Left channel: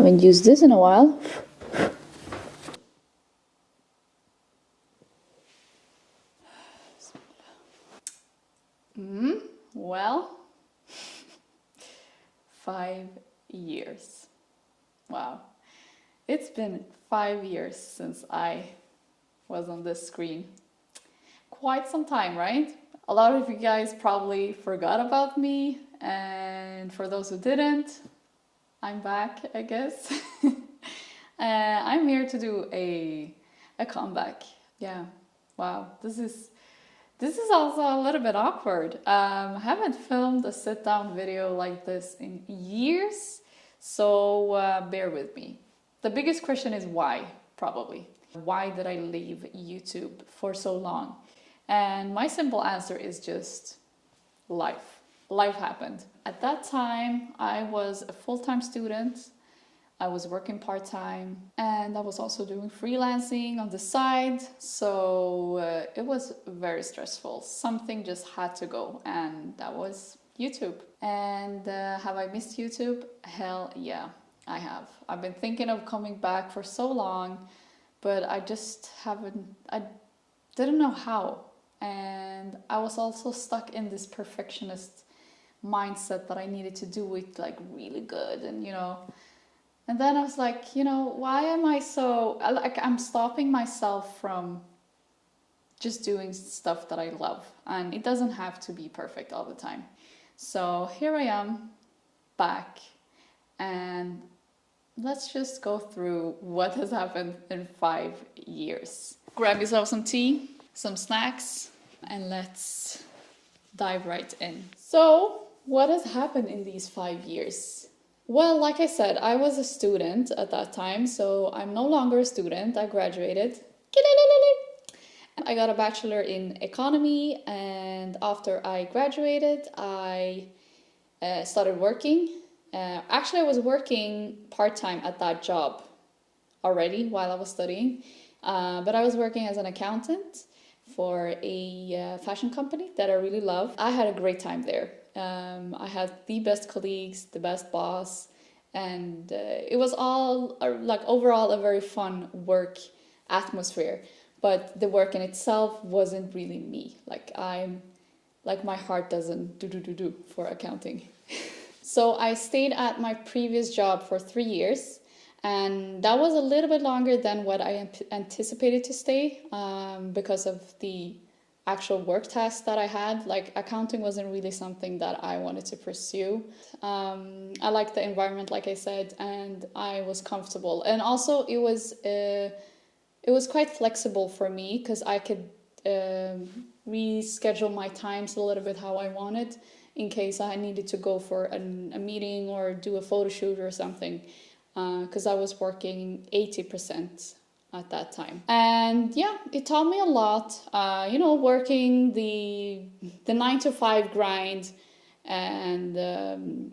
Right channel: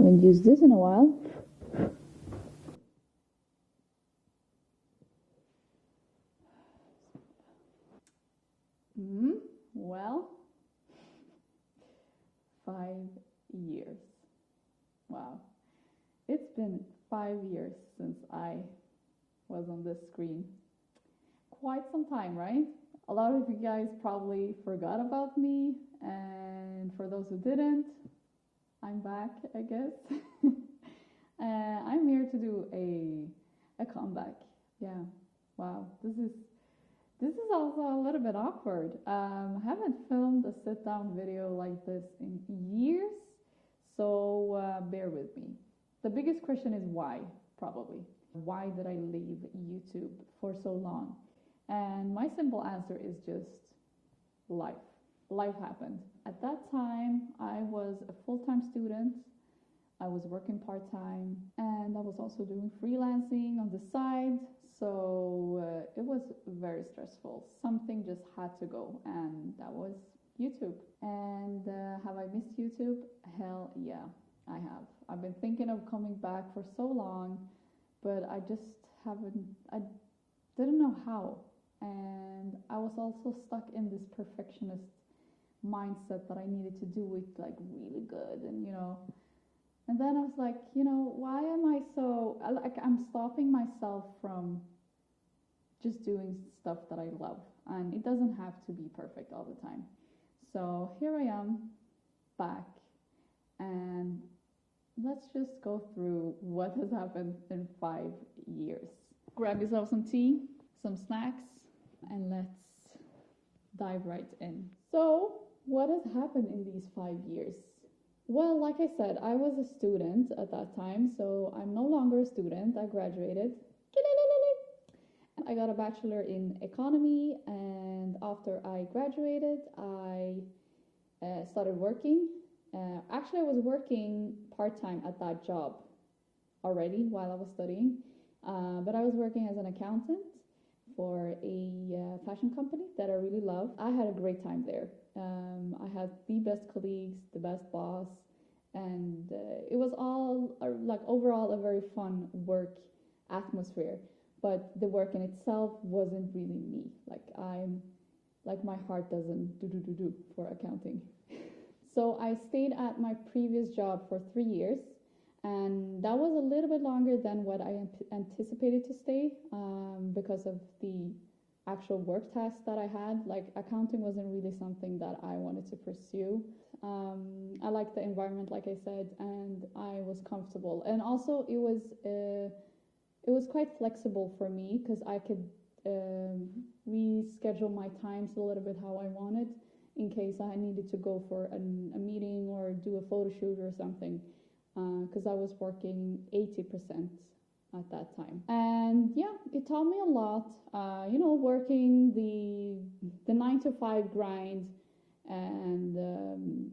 Haven't used this in a while. Well, 5 years. Wow. It's been 5 years since I was on this screen. Quite some time, right? A lot of you guys probably forgot about me, and for those who didn't, I'm back, I guess. I'm here to do a comeback. Yeah. Wow. This is also a little bit awkward. I haven't filmed a sit-down video like this in years, so bear with me. The biggest question is why, probably. Why did I leave YouTube for so long? And my simple answer is just life. Life happened. At that time, I was a full-time student. I was working part-time, and I was also doing freelancing on the side. So it was very stressful. Something just had to go, and that was YouTube. And have I missed YouTube? Hell yeah, I have. I've been thinking of coming back for so long, but I just haven't, I didn't know how. And I was also stuck in this perfectionist mindset that I needed to do it like really good, and and then I was like, why am I so, like, I'm stopping myself from just doing stuff that I love, and it doesn't have to be perfect all the time. So here I am back, and let's just go through what has happened in 5 years. Grab yourself some tea, some snacks, and let's dive right in. So what has happened in these 5 years? Well, like I said, I was a student at that time, so I'm no longer a student. I graduated. I got a bachelor in economy, and after I graduated, I started working. Actually, I was working part-time at that job already while I was studying, but I was working as an accountant for a fashion company that I really love. I had a great time there. I had the best colleagues, the best boss, and it was all like overall a very fun work atmosphere. But the work in itself wasn't really me. Like my heart doesn't do for accounting. So I stayed at my previous job for 3 years, and that was a little bit longer than what I anticipated to stay because of the actual work tasks that I had. Like, accounting wasn't really something that I wanted to pursue. I liked the environment, like I said, and I was comfortable. And also it was quite flexible for me because I could reschedule my times a little bit how I wanted in case I needed to go for a meeting or do a photo shoot or something, because I was working 80% at that time. And yeah, it taught me a lot, working the 9 to 5 grind, and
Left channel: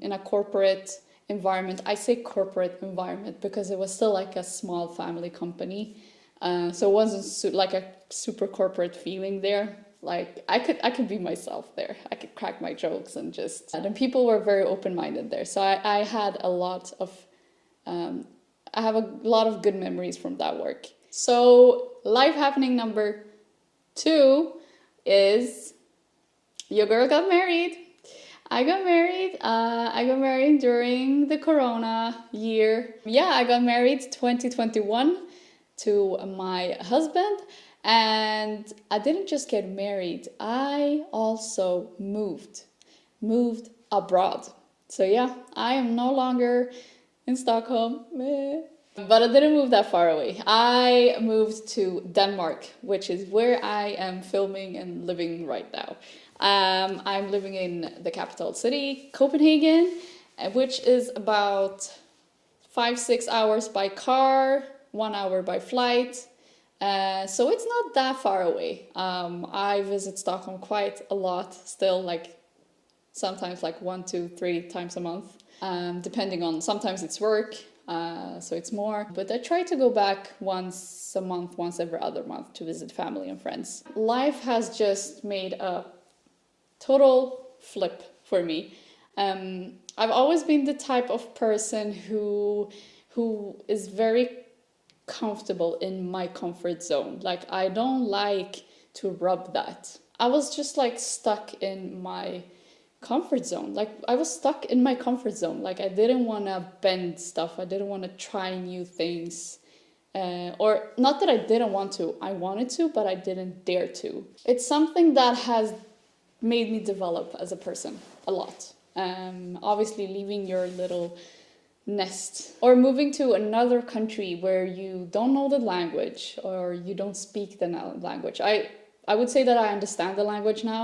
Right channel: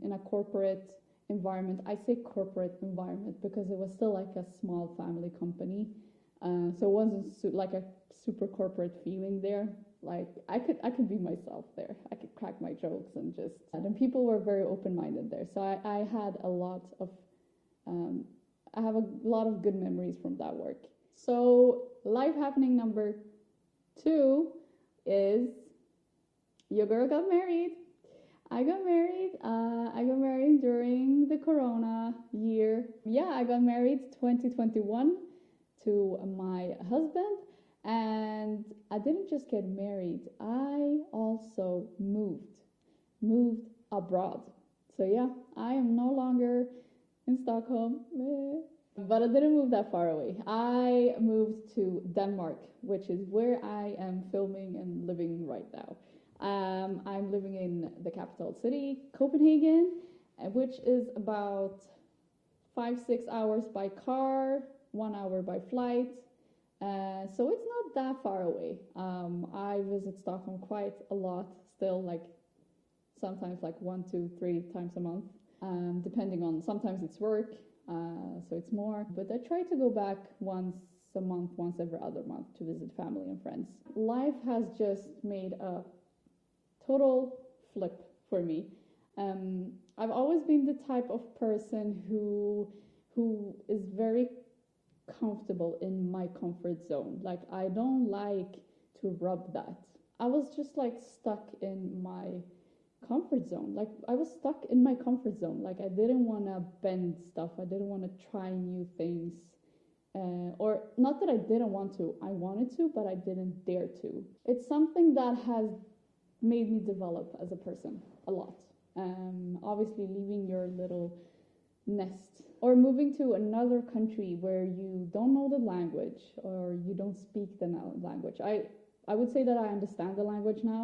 in a corporate environment. I say corporate environment because it was still like a small family company. So it wasn't like a super corporate feeling there. Like I could be myself there. I could crack my jokes and and people were very open-minded there. So I had a lot of, I have a lot of good memories from that work. So life happening number 2 is your girl got married. I got married during the Corona year. Yeah, I got married 2021 to my husband, and I didn't just get married, I also moved abroad. So yeah, I am no longer in Stockholm, but I didn't move that far away. I moved to Denmark, which is where I am filming and living right now. I'm living in the capital city, Copenhagen, which is about 5-6 hours by car, 1 hour by flight. So it's not that far away. I visit Stockholm quite a lot still, like sometimes like 1, 2, 3 times a month, depending on, sometimes it's work, so it's more. But I try to go back once a month, once every other month to visit family and friends. Life has just made a total flip for me. I've always been the type of person who who is very comfortable in my comfort zone. Like, I don't like to rub that. I was just like stuck in my comfort zone. Like, I was stuck in my comfort zone. Like, I didn't want to bend stuff. I didn't want to try new things. Or not that I didn't want to. I wanted to, but I didn't dare to. It's something that has made me develop as a person a lot. Obviously, leaving your little nest or moving to another country where you don't know the language or you don't speak the language. I would say that I understand the language now.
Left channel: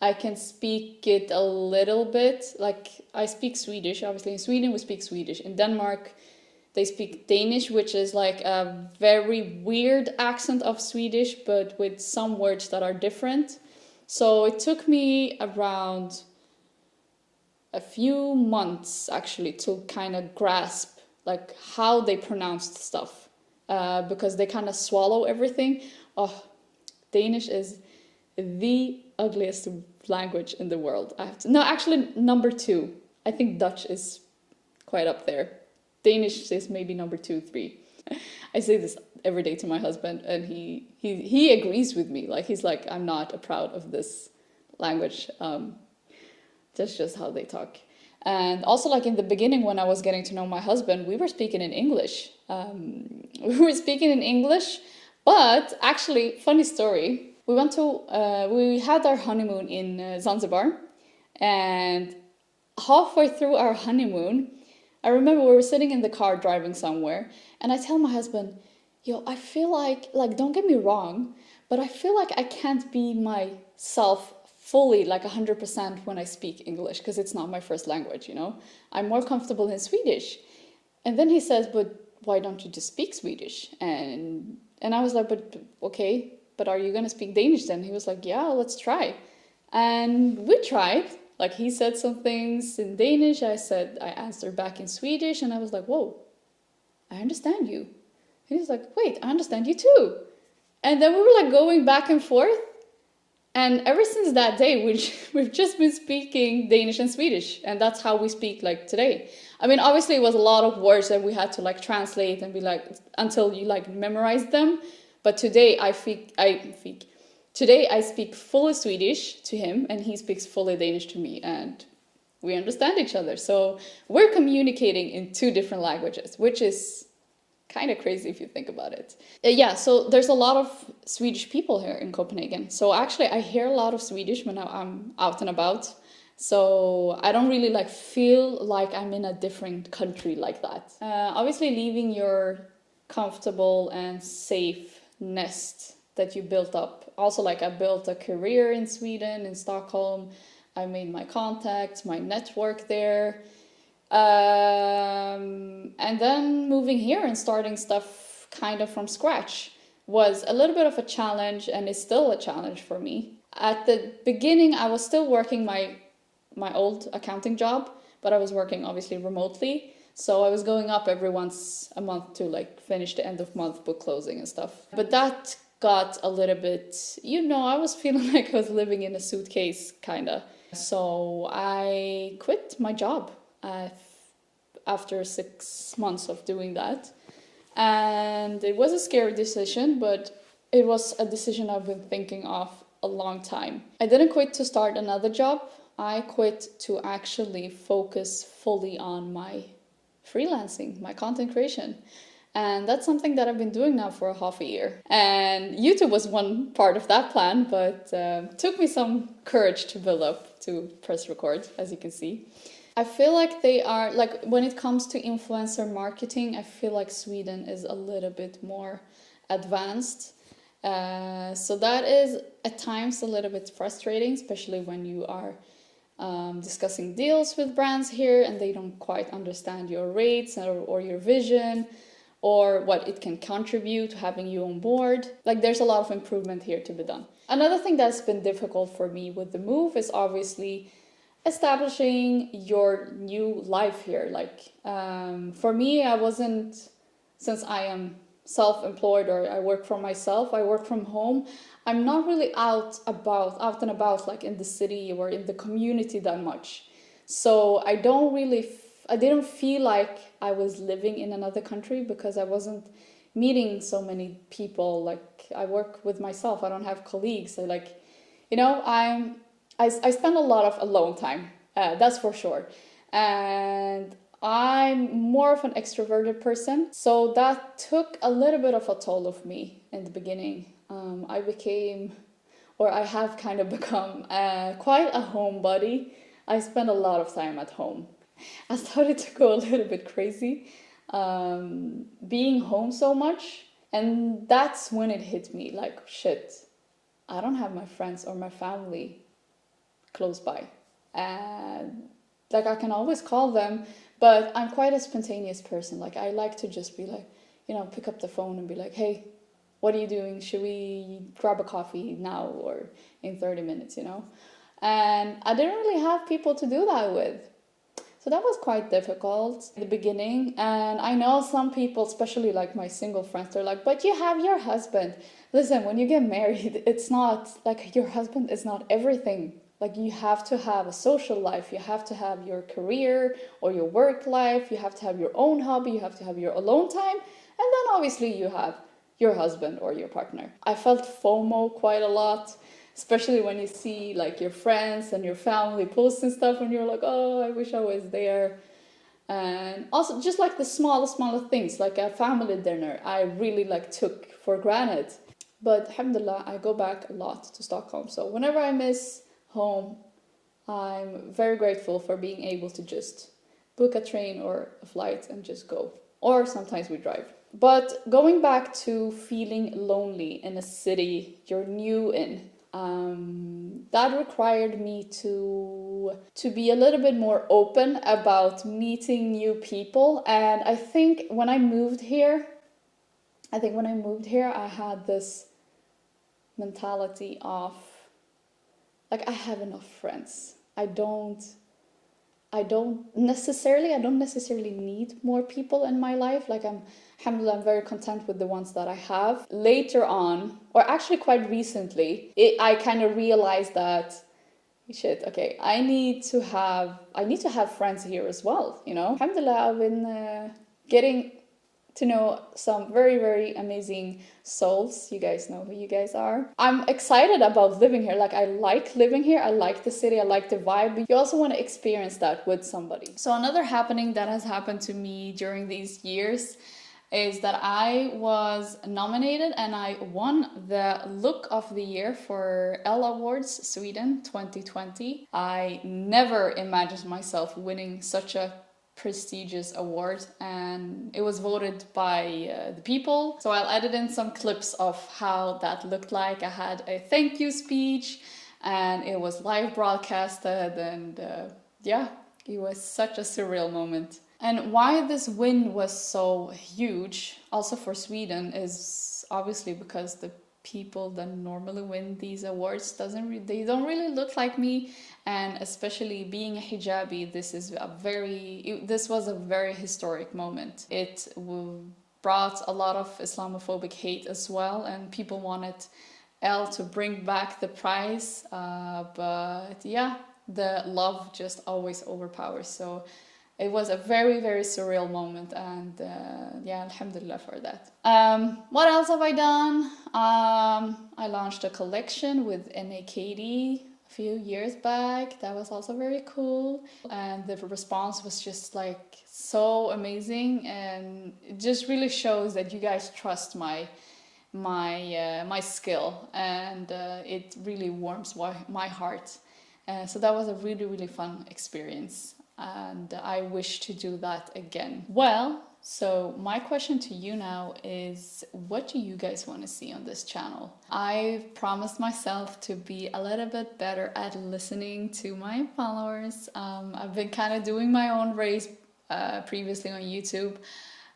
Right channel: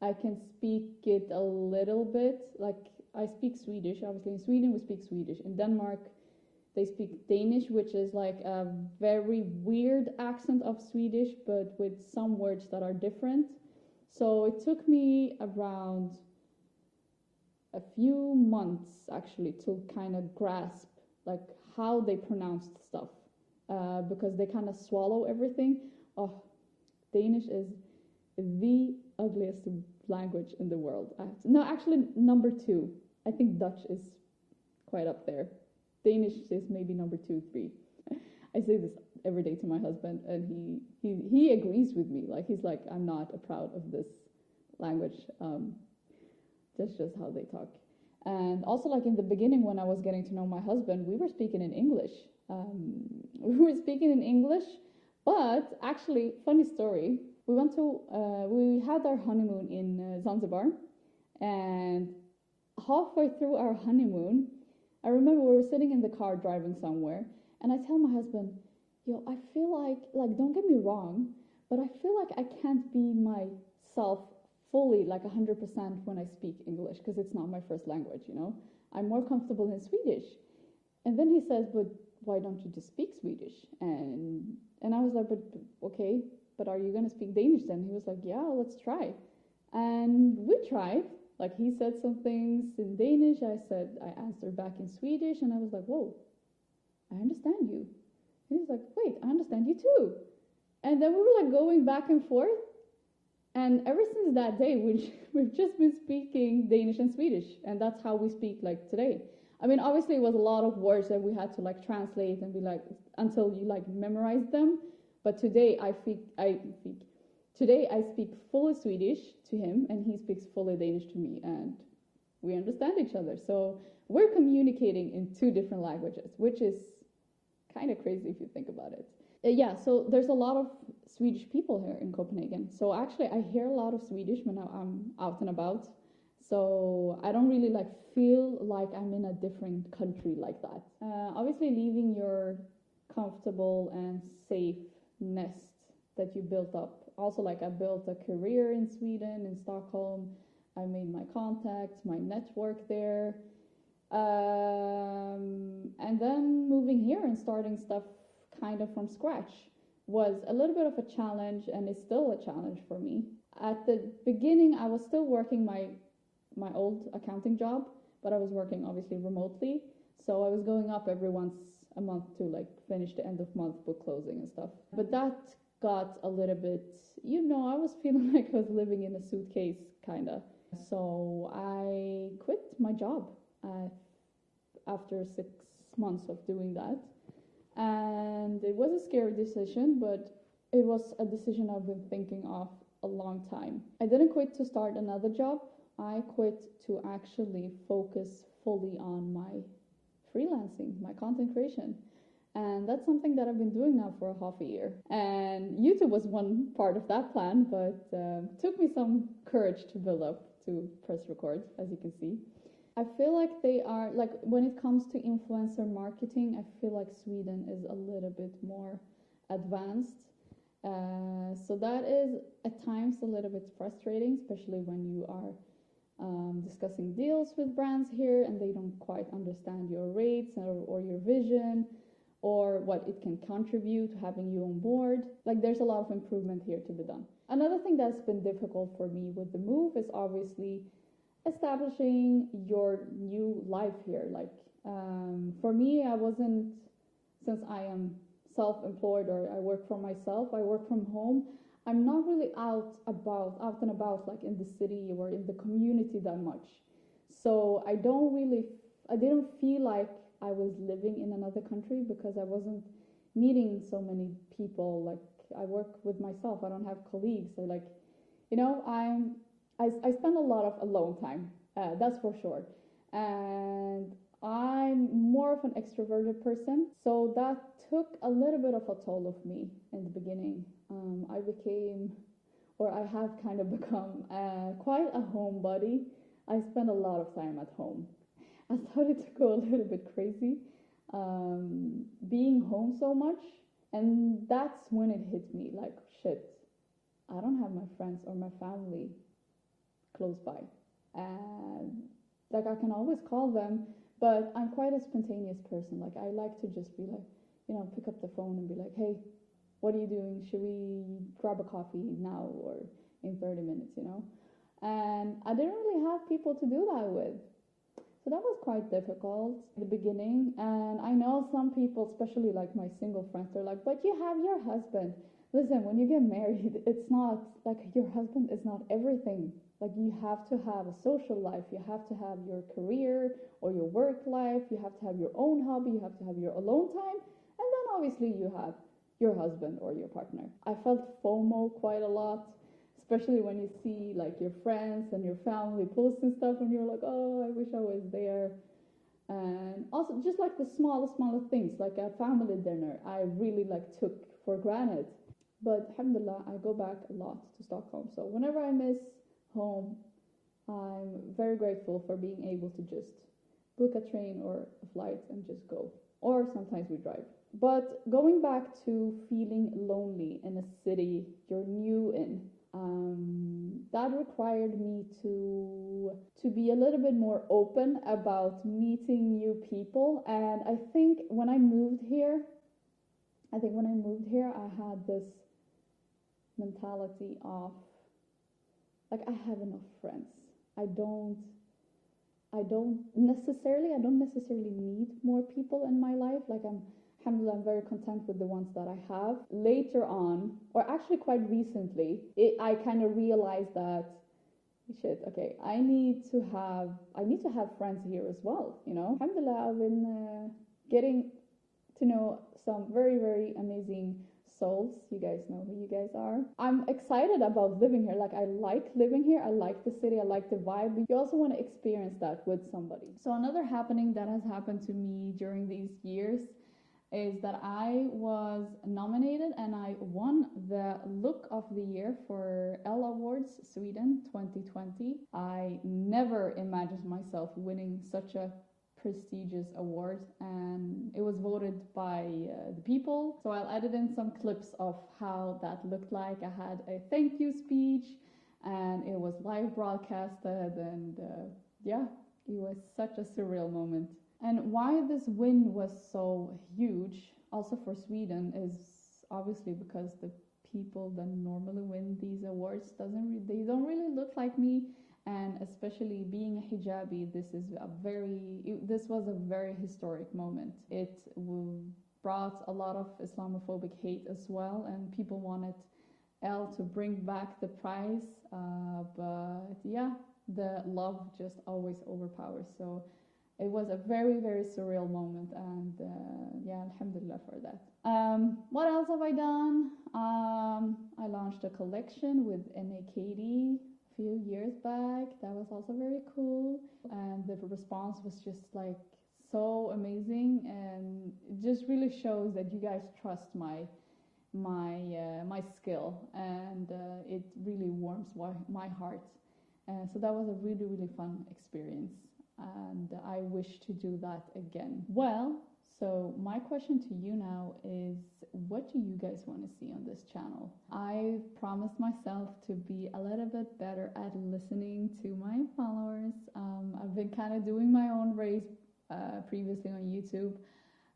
I can speak it a little bit. Like, I speak Swedish. Obviously, in Sweden we speak Swedish. In Denmark they speak Danish, which is like a very weird accent of Swedish, but with some words that are different. So it took me around a few months actually to kind of grasp like how they pronounced stuff, because they kind of swallow everything. Oh, Danish is the ugliest language in the world. No, actually number 2. I think Dutch is quite up there. Danish is maybe number 2, 3. I say this every day to my husband, and he agrees with me. Like, he's like, I'm not proud of this language. That's just how they talk. And also, like, in the beginning when I was getting to know my husband, we were speaking in English. But actually, funny story. We had our honeymoon in Zanzibar, and halfway through our honeymoon, I remember we were sitting in the car driving somewhere, and I tell my husband, yo, I feel like, don't get me wrong, but I feel like I can't be myself fully, like 100% when I speak English, because it's not my first language, you know? I'm more comfortable in Swedish. And then he says, but why don't you just speak Swedish? And I was like, but okay, but are you going to speak Danish then? He was like, yeah, let's try. And we tried. Like, he said some things in Danish, I answered back in Swedish, and I was like, whoa, I understand you. And he was like, wait, I understand you too. And then we were like going back and forth. And ever since that day, we've just been speaking Danish and Swedish. And that's how we speak like today. I mean, obviously it was a lot of words that we had to like translate and be like, until you like memorize them. But today Today I speak fully Swedish to him, and he speaks fully Danish to me, and we understand each other. So we're communicating in 2 different languages, which is kind of crazy if you think about it. Yeah, so there's a lot of Swedish people here in Copenhagen. So actually I hear a lot of Swedish when I'm out and about. So I don't really like feel like I'm in a different country like that. Obviously leaving your comfortable and safe nest that you built up. Also, like, I built a career in Sweden, in Stockholm. I made my contacts, my network there. And then moving here and starting stuff kind of from scratch was a little bit of a challenge, and is still a challenge for me. At the beginning, I was still working my old accounting job, but I was working obviously remotely. So I was going up every once a month to like finish the end of month book closing and stuff. But that got a little bit, I was feeling like I was living in a suitcase, kind of. So I quit my job after 6 months of doing that. And it was a scary decision, but it was a decision I've been thinking of a long time. I didn't quit to start another job. I quit to actually focus fully on my freelancing, my content creation. And that's something that I've been doing now for half a year. And YouTube was one part of that plan, but took me some courage to build up to press record, as you can see. I feel like they are, like, when it comes to influencer marketing, I feel like Sweden is a little bit more advanced. So that is at times a little bit frustrating, especially when you are discussing deals with brands here and they don't quite understand your rates or your vision, or what it can contribute to having you on board. Like, there's a lot of improvement here to be done. Another thing that's been difficult for me with the move is obviously establishing your new life here. Like, for me, since I am self-employed, or I work for myself, I work from home, I'm not really out and about like in the city or in the community that much. So I didn't feel like I was living in another country because I wasn't meeting so many people. Like I work with myself. I don't have colleagues. So like, you know, I spend a lot of alone time. That's for sure. And I'm more of an extroverted person. So that took a little bit of a toll of me in the beginning. I became, or I have kind of become quite a homebody. I spend a lot of time at home. I started to go a little bit crazy, being home so much. And that's when it hit me like, shit, I don't have my friends or my family close by. And like I can always call them, but I'm quite a spontaneous person. Like I like to just be like, you know, pick up the phone and be like, hey, what are you doing? Should we grab a coffee now or in 30 minutes, you know? And I didn't really have people to do that with. So that was quite difficult in the beginning. And I know some people, especially like my single friends, they're like, but you have your husband. Listen, when you get married, it's not like your husband is not everything. Like you have to have a social life, you have to have your career or your work life, you have to have your own hobby, you have to have your alone time, and then obviously you have your husband or your partner. I felt FOMO quite a lot, especially when you see like your friends and your family posting stuff and you're like, oh, I wish I was there. And also just like the smaller things, like a family dinner, I really like took for granted. But alhamdulillah, I go back a lot to Stockholm. So whenever I miss home, I'm very grateful for being able to just book a train or a flight and just go. Or sometimes we drive. But going back to feeling lonely in a city you're new in, that required me to be a little bit more open about meeting new people. And I think when I moved here, I had this mentality of like I have enough friends. I don't necessarily need more people in my life. Like alhamdulillah, I'm very content with the ones that I have. Later on, or actually quite recently, I kind of realized that shit, okay, I need to have friends here as well, you know. Alhamdulillah, I've been getting to know some very, very amazing souls. You guys know who you guys are. I'm excited about living here. Like I like living here. I like the city. I like the vibe. But you also want to experience that with somebody. So another happening that has happened to me during these years is that I was nominated and I won the Look of the Year for Elle Awards Sweden 2020. I never imagined myself winning such a prestigious award, and it was voted by the people. So I'll edit in some clips of how that looked like. I had a thank you speech and it was live broadcasted, and yeah, it was such a surreal moment. And why this win was so huge also for Sweden is obviously because the people that normally win these awards they don't really look like me. And especially being a hijabi, this was a very historic moment. It brought a lot of Islamophobic hate as well, and people wanted Elle to bring back the prize. But yeah, the love just always overpowers. So it was a very, very surreal moment, and yeah, alhamdulillah for that. What else have I done? I launched a collection with NAKD a few years back. That was also very cool, and the response was just like so amazing, and it just really shows that you guys trust my skill, and it really warms my heart. So that was a really, really fun experience, and I wish to do that again. Well, so my question to you now is, what do you guys want to see on this channel? I've promised myself to be a little bit better at listening to my followers. I've been kind of doing my own race previously on YouTube,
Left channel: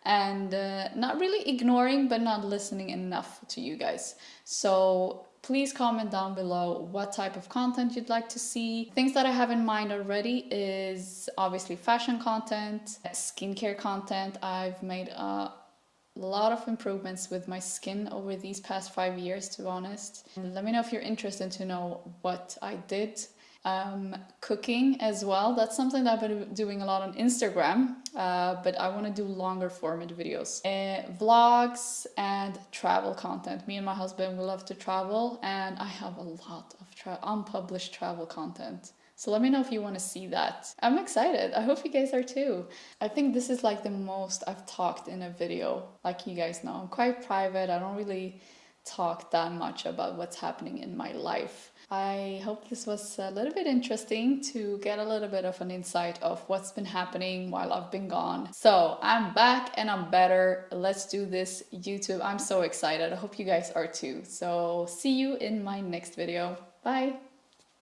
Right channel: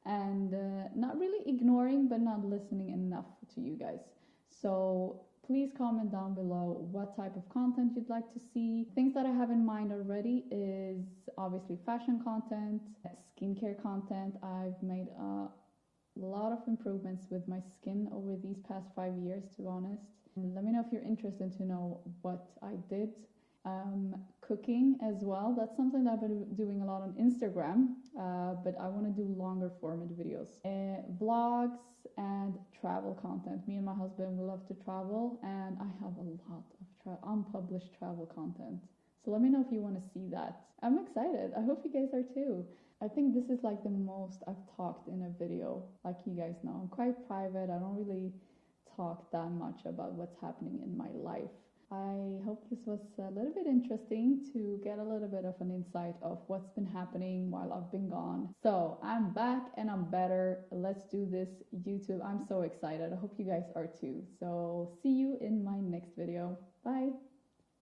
and not really ignoring but not listening enough to you guys. So please comment down below what type of content you'd like to see. Things that I have in mind already is obviously fashion content, skincare content. I've made a lot of improvements with my skin over these past 5 years, to be honest. And let me know if you're interested to know what I did Cooking as well. That's something that I've been doing a lot on Instagram, but I want to do longer format videos. Vlogs and travel content. Me and my husband, we love to travel, and I have a lot of unpublished travel content. So let me know if you want to see that. I'm excited. I hope you guys are too. I think this is like the most I've talked in a video. Like you guys know, I'm quite private. I don't really talk that much about what's happening in my life. I hope this was a little bit interesting to get a little bit of an insight of what's been happening while I've been gone. So I'm back and I'm better. Let's do this YouTube. I'm so excited. I hope you guys are too. So see you in my next video. Bye.